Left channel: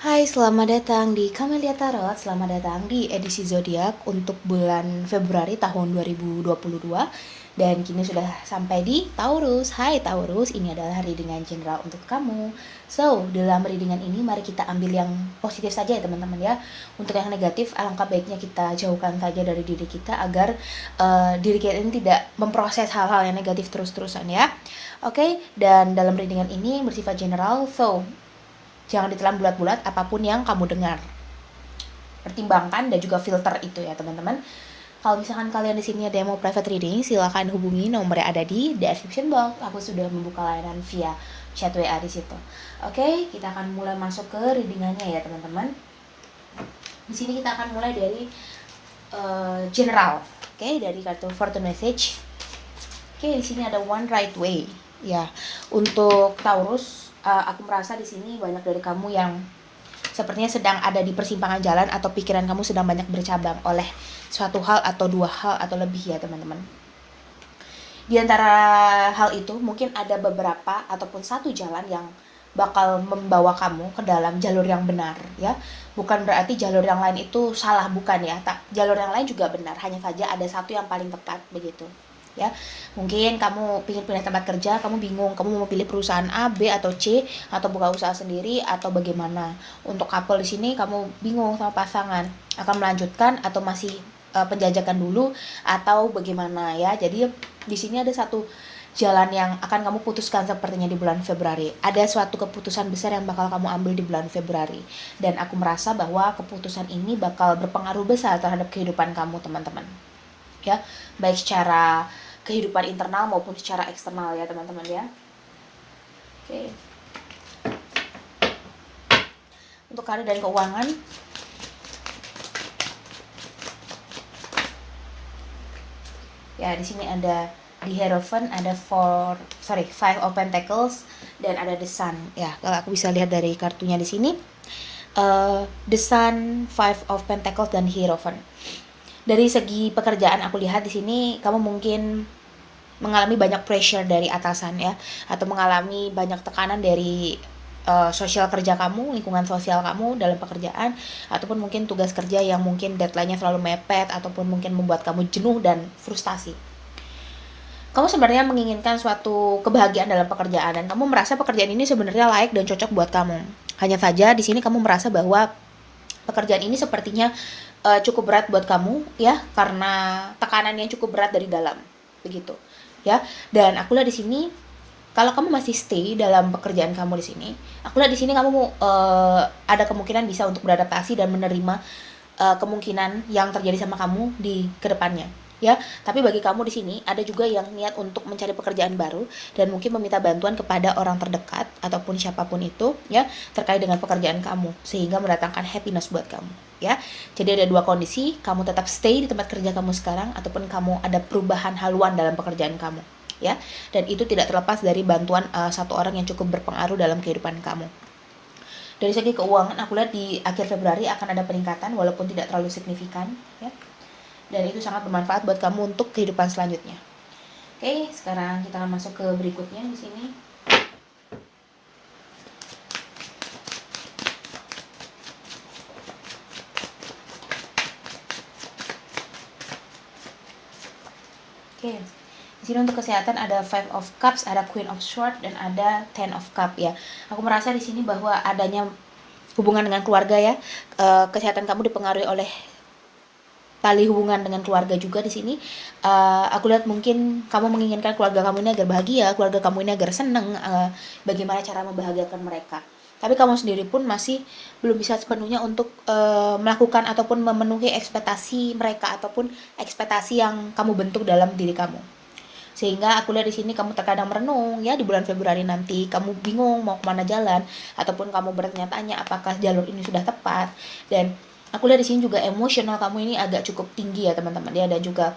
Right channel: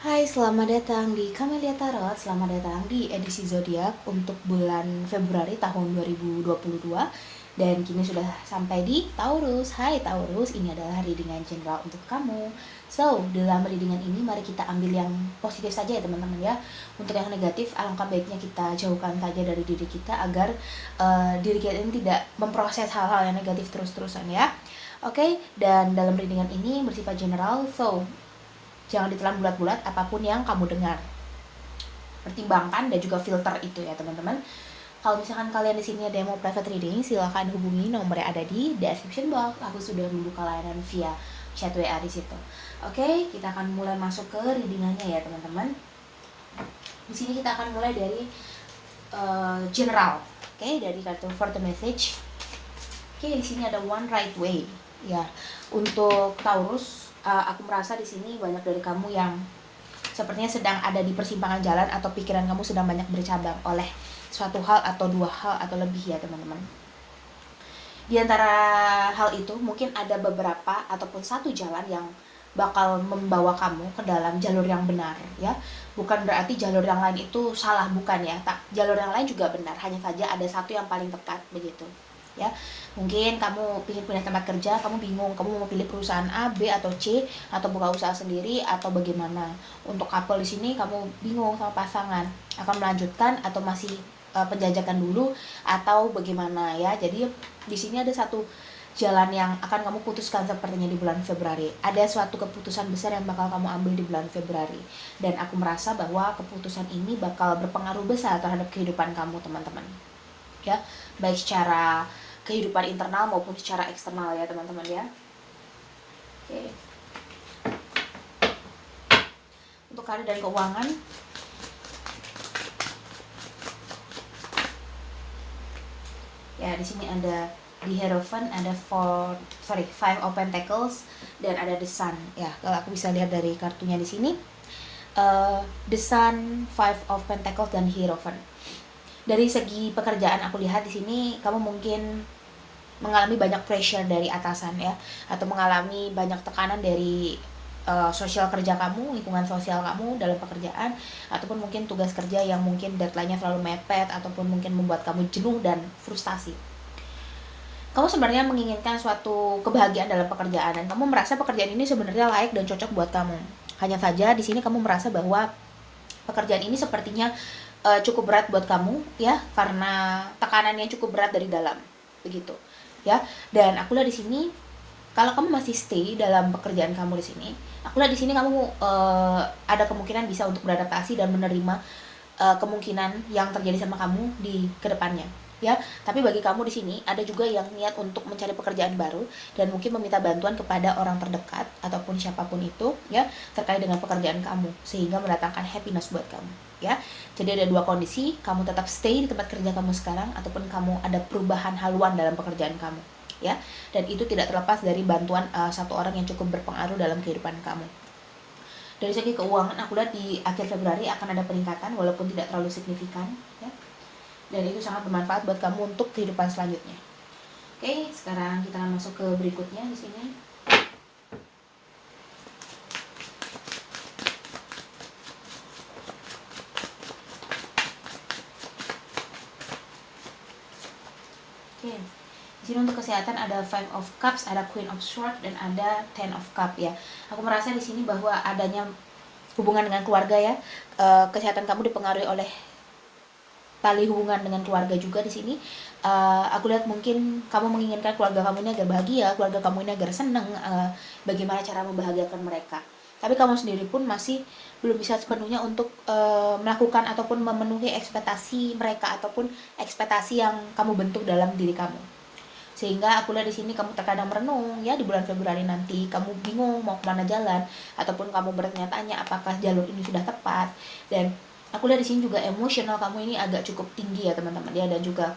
Hai, selamat datang di Camelia Tarot. Selamat datang di edisi zodiak untuk bulan Februari tahun 2022. Dan kini sudah sampai di Taurus. Hai Taurus, ini adalah readingan general untuk kamu. So, dalam readingan ini mari kita ambil yang positif saja ya teman-teman ya. Untuk yang negatif, alangkah baiknya kita jauhkan saja dari diri kita agar diri kita ini tidak memproses hal-hal yang negatif terus-terusan ya. Oke, dan dalam readingan ini bersifat general, so jangan ditelan bulat-bulat apapun yang kamu dengar. Pertimbangkan dan juga filter itu ya teman-teman. Kalau misalkan kalian di sini ada yang mau private reading, silahkan hubungi nomor yang ada di description box. Aku sudah membuka layanan via chat WA di situ. Oke, kita akan mulai masuk ke readingannya ya teman-teman. Di sini kita akan mulai dari general. Oke, dari kartu Fortune Message. Oke, di sini ada One Right Way. Ya, untuk Taurus, aku merasa di sini banyak dari kamu yang sepertinya sedang ada di persimpangan jalan atau pikiran kamu sedang banyak bercabang oleh suatu hal atau dua hal atau lebih ya teman-teman. Di antara hal itu mungkin ada beberapa ataupun satu jalan yang bakal membawa kamu ke dalam jalur yang benar ya. Bukan berarti jalur yang lain itu salah, bukan ya. Jalur yang lain juga benar, hanya saja ada satu yang paling tepat begitu. Ya, mungkin kamu ingin pindah tempat kerja, kamu bingung, kamu mau pilih perusahaan A, B atau C, atau buka usaha sendiri atau bagaimana. Untuk couple di sini kamu bingung sama pasangan, akan melanjutkan atau masih penjajakan dulu atau bagaimana ya. Jadi di sini ada satu jalan yang akan kamu putuskan sepertinya di bulan Februari. Ada suatu keputusan besar yang bakal kamu ambil di bulan Februari. Dan aku merasa bahwa keputusan ini bakal berpengaruh besar terhadap kehidupan kamu teman-teman. Ya, baik secara kehidupan internal maupun secara eksternal ya teman-teman ya. Oke. Untuk karir dan keuangan, ya di sini ada di Hierophant, ada Five of Pentacles dan ada The Sun. Ya, kalau aku bisa lihat dari kartunya di sini, The Sun, Five of Pentacles dan Hierophant. Dari segi pekerjaan aku lihat di sini kamu mungkin mengalami banyak pressure dari atasan ya, atau mengalami banyak tekanan dari sosial kerja kamu, lingkungan sosial kamu dalam pekerjaan, ataupun mungkin tugas kerja yang mungkin deadline-nya selalu mepet ataupun mungkin membuat kamu jenuh dan frustasi. Kamu sebenarnya menginginkan suatu kebahagiaan dalam pekerjaan dan kamu merasa pekerjaan ini sebenarnya layak dan cocok buat kamu. Hanya saja di sini kamu merasa bahwa pekerjaan ini sepertinya cukup berat buat kamu ya, karena tekanan yang cukup berat dari dalam begitu ya. Dan aku lihat di sini kalau kamu masih stay dalam pekerjaan kamu di sini, aku lihat di sini kamu ada kemungkinan bisa untuk beradaptasi dan menerima kemungkinan yang terjadi sama kamu di kedepannya ya. Tapi bagi kamu di sini ada juga yang niat untuk mencari pekerjaan baru dan mungkin meminta bantuan kepada orang terdekat ataupun siapapun itu ya, terkait dengan pekerjaan kamu sehingga mendatangkan happiness buat kamu ya. Jadi ada dua kondisi, kamu tetap stay di tempat kerja kamu sekarang ataupun kamu ada perubahan haluan dalam pekerjaan kamu ya. Dan itu tidak terlepas dari bantuan satu orang yang cukup berpengaruh dalam kehidupan kamu. Dari segi keuangan aku lihat di akhir Februari akan ada peningkatan walaupun tidak terlalu signifikan ya. Dan itu sangat bermanfaat buat kamu untuk kehidupan selanjutnya. Oke, sekarang kita akan masuk ke berikutnya di sini. Oke. Di sini untuk kesehatan ada Five of Cups, ada Queen of Swords dan ada Ten of Cups ya. Aku merasa di sini bahwa adanya hubungan dengan keluarga ya. Kesehatan kamu dipengaruhi oleh tali hubungan dengan keluarga juga di sini. Aku lihat mungkin kamu menginginkan keluarga kamu ini agar bahagia, keluarga kamu ini agar senang. Bagaimana cara membahagiakan mereka. Tapi kamu sendiri pun masih belum bisa sepenuhnya untuk melakukan ataupun memenuhi ekspektasi mereka ataupun ekspektasi yang kamu bentuk dalam diri kamu. Sehingga aku lihat di sini kamu terkadang merenung ya, di bulan Februari nanti kamu bingung mau kemana jalan ataupun kamu bertanya-tanya apakah jalur ini sudah tepat. Dan aku lihat di sini juga emosional kamu ini agak cukup tinggi ya teman-teman ya. Dan juga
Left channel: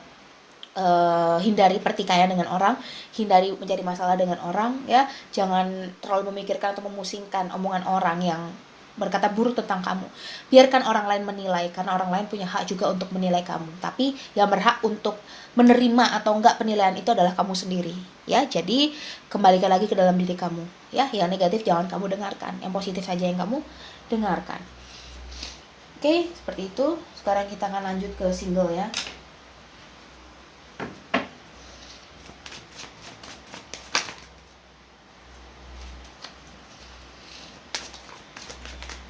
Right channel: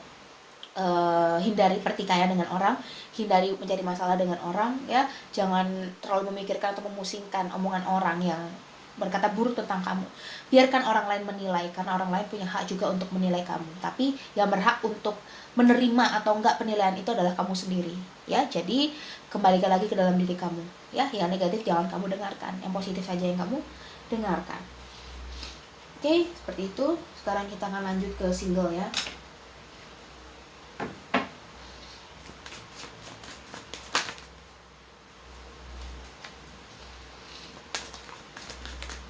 hindari pertikaian dengan orang, hindari mencari masalah dengan orang ya. Jangan terlalu memikirkan atau memusingkan omongan orang yang berkata buruk tentang kamu. Biarkan orang lain menilai, karena orang lain punya hak juga untuk menilai kamu. Tapi yang berhak untuk menerima atau enggak penilaian itu adalah kamu sendiri ya. Jadi kembalikan lagi ke dalam diri kamu ya. Yang negatif jangan kamu dengarkan, yang positif saja yang kamu dengarkan. Oke, seperti itu. Sekarang kita akan lanjut ke single ya.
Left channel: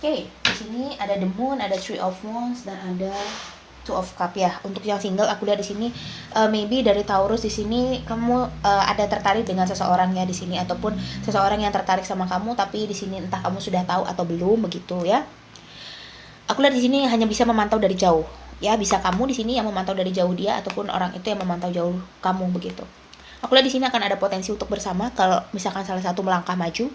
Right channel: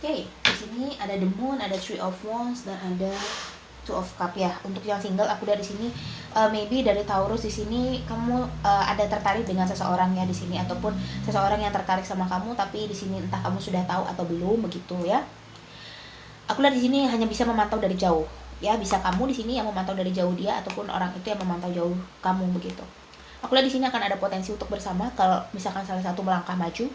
Oke, di sini ada the moon, ada three of wands, dan ada two of cup ya. Untuk yang single, aku lihat di sini maybe dari Taurus di sini kamu ada tertarik dengan seseorang ya di sini, ataupun seseorang yang tertarik sama kamu, tapi di sini entah kamu sudah tahu atau belum begitu ya. Aku lihat di sini hanya bisa memantau dari jauh ya, bisa kamu di sini yang memantau dari jauh dia, ataupun orang itu yang memantau jauh kamu begitu. Aku lihat di sini akan ada potensi untuk bersama kalau misalkan salah satu melangkah maju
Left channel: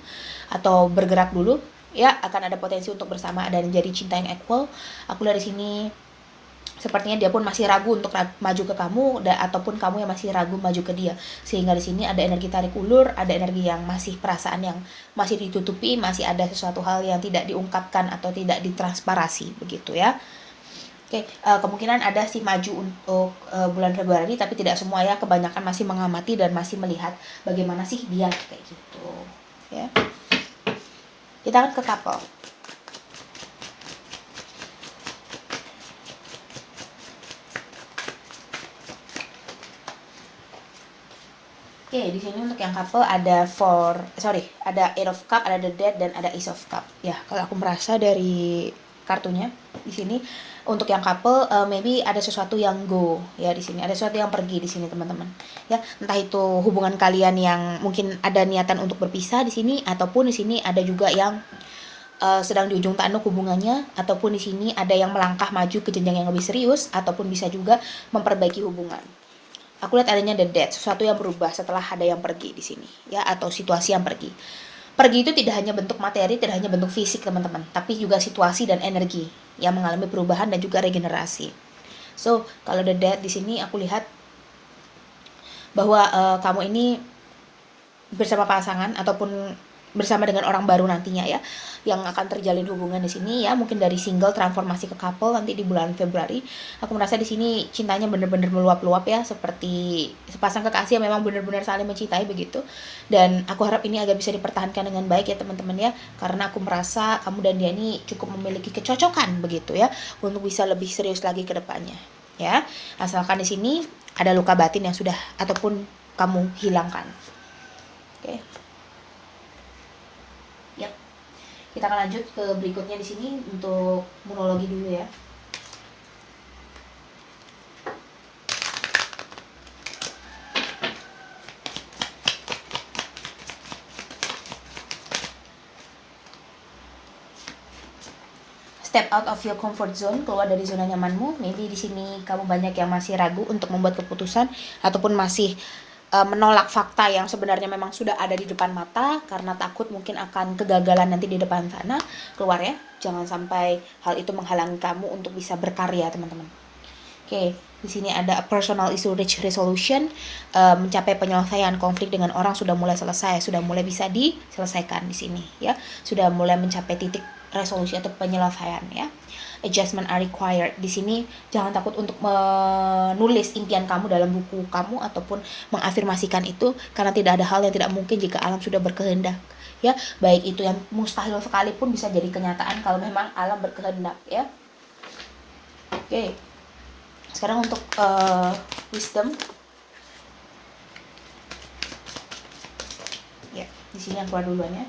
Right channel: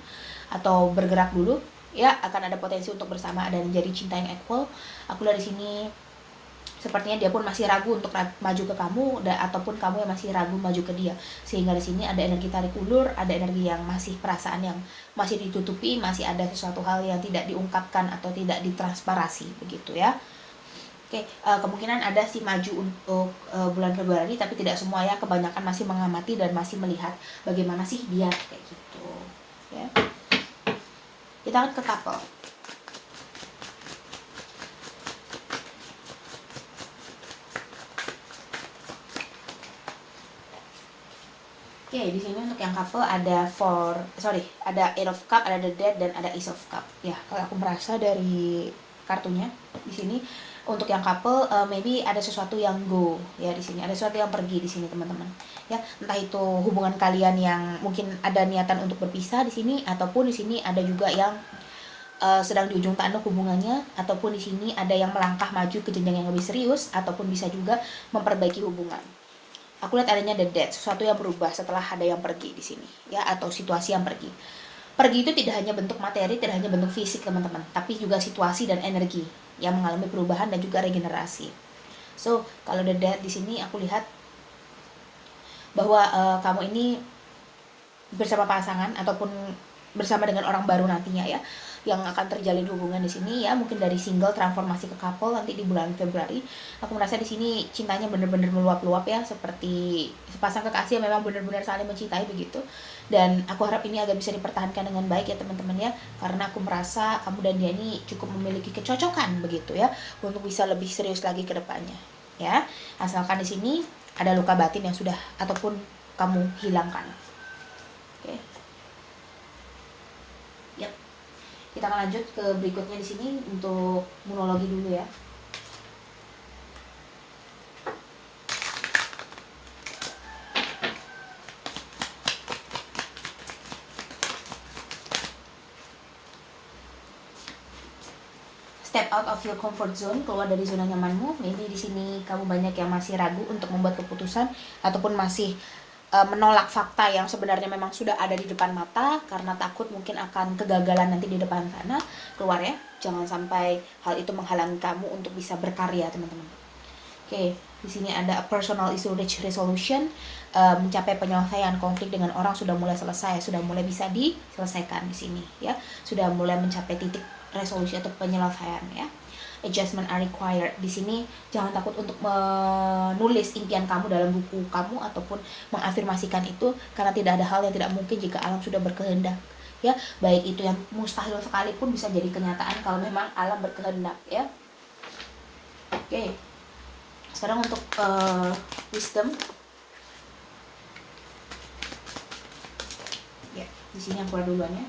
atau bergerak dulu ya, akan ada potensi untuk bersama dan jadi cinta yang equal. Aku lihat di sini sepertinya dia pun masih ragu untuk maju ke kamu, ataupun kamu yang masih ragu maju ke dia, sehingga di sini ada energi tarik ulur, ada energi yang masih, perasaan yang masih ditutupi, masih ada sesuatu hal yang tidak diungkapkan atau tidak ditransparasi begitu ya. Oke, kemungkinan ada sih maju untuk bulan Februari, tapi tidak semua ya, kebanyakan masih mengamati dan masih melihat bagaimana sih dia kayak gitu ya. Kita akan ke couple. Oke, di sini untuk yang couple ada ada Eight of Cup, ada the Dead, dan ada Ace of Cup. Ya, kalau aku merasa dari kartunya di sini untuk yang couple maybe ada sesuatu yang go ya di sini, ada sesuatu yang pergi di sini teman-teman. Ya, entah itu hubungan kalian yang mungkin ada niatan untuk berpisah di sini, ataupun di sini ada juga yang sedang di ujung tanduk hubungannya, ataupun di sini ada yang melangkah maju ke jenjang yang lebih serius, ataupun bisa juga memperbaiki hubungan. Aku lihat adanya the death, sesuatu yang berubah setelah ada yang pergi di sini ya, atau situasi yang pergi. Pergi itu tidak hanya bentuk materi, tidak hanya bentuk fisik teman-teman, tapi juga situasi dan energi yang mengalami perubahan dan juga regenerasi. So, kalau the death di sini aku lihat bahwa kamu ini bersama pasangan ataupun bersama dengan orang baru nantinya ya, yang akan terjalin hubungan di sini ya, mungkin dari single transformasi ke couple nanti di bulan Februari. Aku merasa di sini cintanya benar-benar meluap-luap ya, seperti sepasang kekasih yang memang benar-benar saling mencintai begitu. Dan aku harap ini agak bisa dipertahankan dengan baik ya teman-teman ya, karena aku merasa kamu dan dia ini cukup memiliki kecocokan begitu ya, untuk bisa lebih serius lagi ke depannya ya. Asalkan di sini ada luka batin yang sudah ataupun kamu hilangkan. Oke. Yap. Kita akan lanjut ke berikutnya di sini untuk monologi dulu ya. Step out of your comfort zone, keluar dari zona nyamanmu. Maybe di sini kamu banyak yang masih ragu untuk membuat keputusan, ataupun masih menolak fakta yang sebenarnya memang sudah ada di depan mata karena takut mungkin akan kegagalan nanti di depan sana. Keluar ya, jangan sampai hal itu menghalangi kamu untuk bisa berkarya teman-teman. Oke, di sini ada personal issue reach resolution, mencapai penyelesaian konflik dengan orang sudah mulai selesai, sudah mulai bisa diselesaikan di sini ya, sudah mulai mencapai titik resolusi atau penyelesaian ya. Adjustment are required. Di sini jangan takut untuk menulis impian kamu dalam buku kamu ataupun mengafirmasikan itu, karena tidak ada hal yang tidak mungkin jika alam sudah berkehendak ya. Baik itu yang mustahil sekalipun bisa jadi kenyataan kalau memang alam berkehendak ya. Oke. Sekarang untuk wisdom. Ya, di sini yang keluar duluan ya.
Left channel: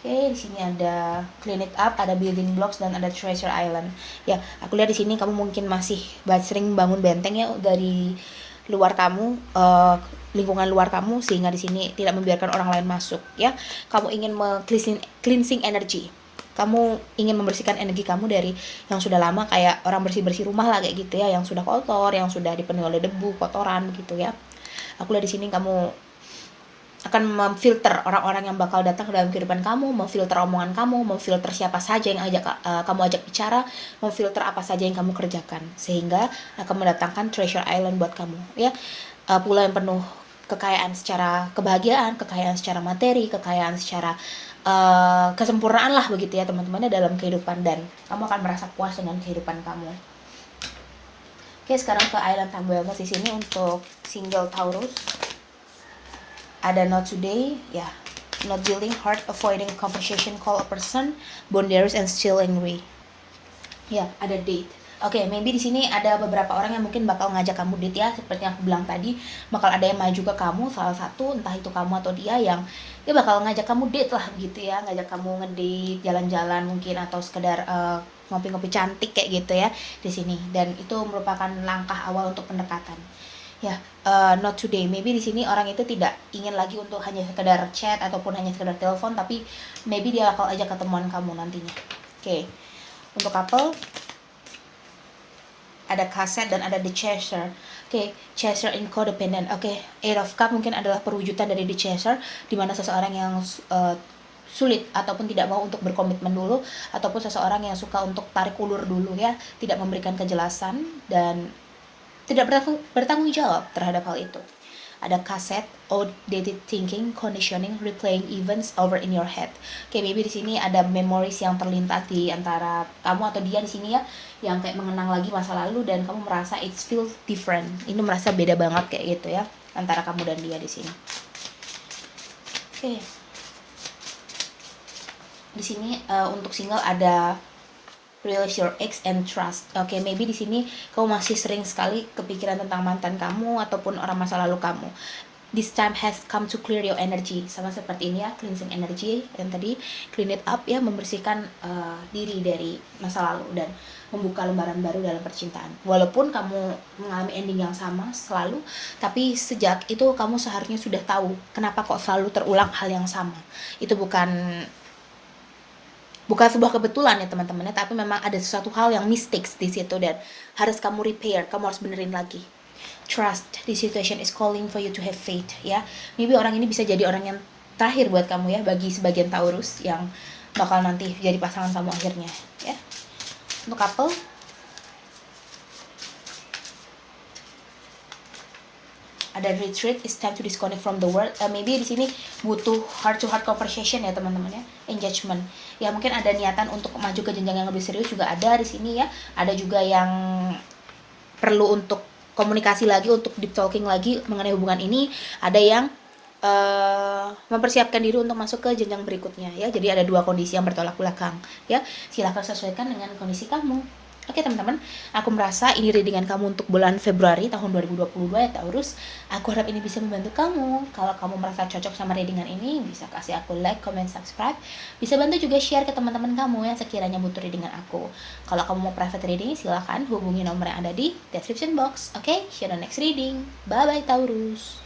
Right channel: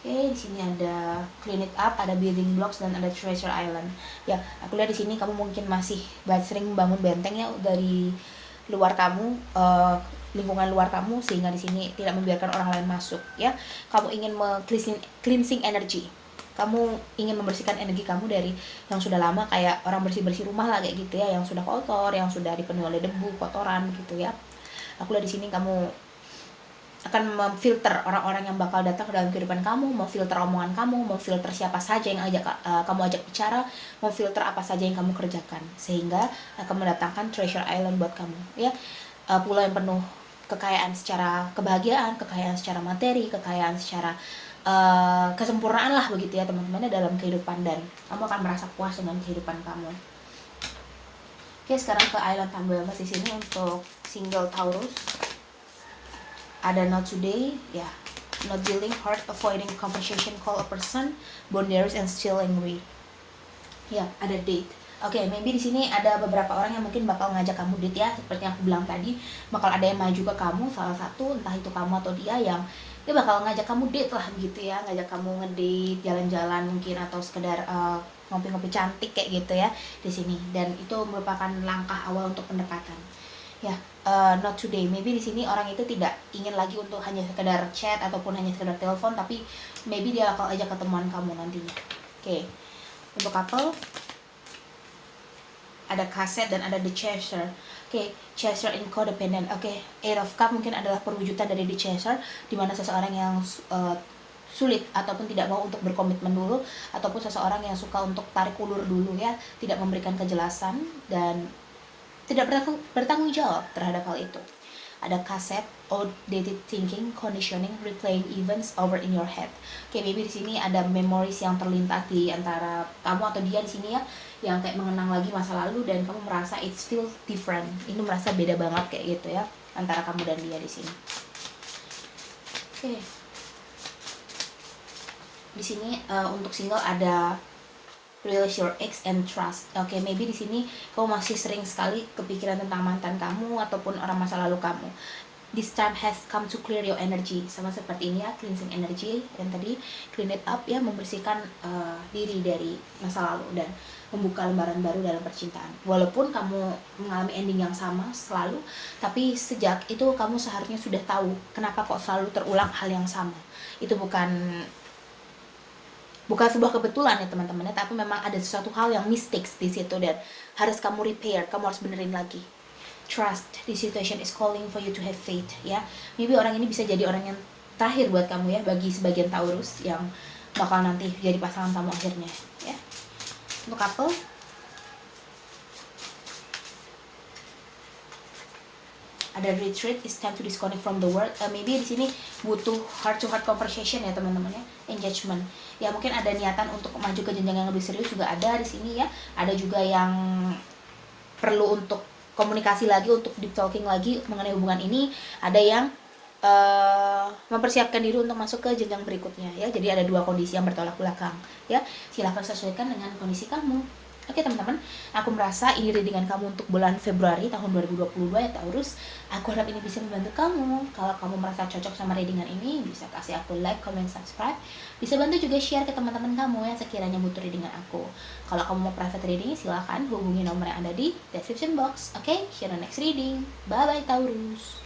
Oke, di sini ada clean it up, ada building blocks, dan ada treasure island. Ya, aku lihat di sini kamu mungkin masih sering bangun benteng ya dari luar kamu, lingkungan luar kamu, sehingga di sini tidak membiarkan orang lain masuk ya. Kamu ingin cleansing energy. Kamu ingin membersihkan energi kamu dari yang sudah lama, kayak orang bersih-bersih rumah lah kayak gitu ya, yang sudah kotor, yang sudah dipenuhi oleh debu, kotoran gitu ya. Aku lihat di sini kamu akan memfilter orang-orang yang bakal datang ke dalam kehidupan kamu, memfilter omongan kamu, memfilter siapa saja yang kamu ajak bicara, memfilter apa saja yang kamu kerjakan, sehingga akan mendatangkan treasure island buat kamu ya. Pulau yang penuh kekayaan secara kebahagiaan, kekayaan secara materi, kekayaan secara kesempurnaan lah begitu ya teman-temannya dalam kehidupan, dan kamu akan merasa puas dengan kehidupan kamu. Oke, sekarang ke island Tamboyama di sini untuk single Taurus. Ada not today ya, not dealing hard, avoiding conversation, call a person, boundaries and still angry. Ya, ada date. Oke, maybe di sini ada beberapa orang yang mungkin bakal ngajak kamu date ya, seperti yang aku bilang tadi, bakal ada yang maju ke kamu, salah satu entah itu kamu atau dia yang dia bakal ngajak kamu date lah gitu ya, ngajak kamu ngedate, jalan-jalan mungkin atau sekedar ngopi-ngopi cantik kayak gitu ya di sini, dan itu merupakan langkah awal untuk pendekatan. Ya, not today. Maybe di sini orang itu tidak ingin lagi untuk hanya sekedar chat ataupun hanya sekedar telepon, tapi maybe dia bakal ajak ketemuan kamu nantinya. Oke. Untuk couple ada kaset dan ada the chaser. Oke, chaser in codependent. Oke, Eight of Cup mungkin adalah perwujudan dari the chaser, di mana seseorang yang sulit ataupun tidak mau untuk berkomitmen dulu, ataupun seseorang yang suka untuk tarik ulur dulu ya, tidak memberikan kejelasan dan tidak bertanggung jawab terhadap hal itu. Ada kaset, outdated thinking, conditioning, replaying events over in your head. Oke, maybe di sini ada memories yang terlintas di antara kamu atau dia di sini ya, yang kayak mengenang lagi masa lalu dan kamu merasa it feels different. Ini merasa beda banget kayak gitu ya antara kamu dan dia di sini. Oke. Di sini untuk single ada Release your ex and trust. Oke, maybe di sini kamu masih sering sekali kepikiran tentang mantan kamu ataupun orang masa lalu kamu. This time has come to clear your energy. Sama seperti ini ya, cleansing energy yang tadi, clean it up ya, membersihkan diri dari masa lalu dan membuka lembaran baru dalam percintaan. Walaupun kamu mengalami ending yang sama selalu, tapi sejak itu kamu seharusnya sudah tahu kenapa kok selalu terulang hal yang sama. Itu bukan sebuah kebetulan ya teman-teman ya, tapi memang ada sesuatu hal yang mistakes di situ dan harus kamu repair, kamu harus benerin lagi. Trust, this situation is calling for you to have faith ya. Maybe orang ini bisa jadi orang yang terakhir buat kamu ya, bagi sebagian Taurus yang bakal nanti jadi pasangan kamu akhirnya ya. Untuk couple ada retreat, is time to disconnect from the world. Maybe di sini butuh heart to heart conversation ya teman-teman ya, engagement. Ya mungkin ada niatan untuk maju ke jenjang yang lebih serius juga ada di sini ya. Ada juga yang perlu untuk komunikasi lagi, untuk deep talking lagi mengenai hubungan ini. Ada yang mempersiapkan diri untuk masuk ke jenjang berikutnya ya. Jadi ada dua kondisi yang bertolak belakang ya. Silahkan sesuaikan dengan kondisi kamu. Oke teman-teman, aku merasa ini readingan kamu untuk bulan Februari tahun 2022 ya Taurus. Aku harap ini bisa membantu kamu. Kalau kamu merasa cocok sama readingan ini, bisa kasih aku like, comment, subscribe. Bisa bantu juga share ke teman-teman kamu yang sekiranya butuh readingan aku. Kalau kamu mau private reading, silahkan hubungi nomor yang ada di description box. Oke, see you on the next reading. Bye-bye Taurus.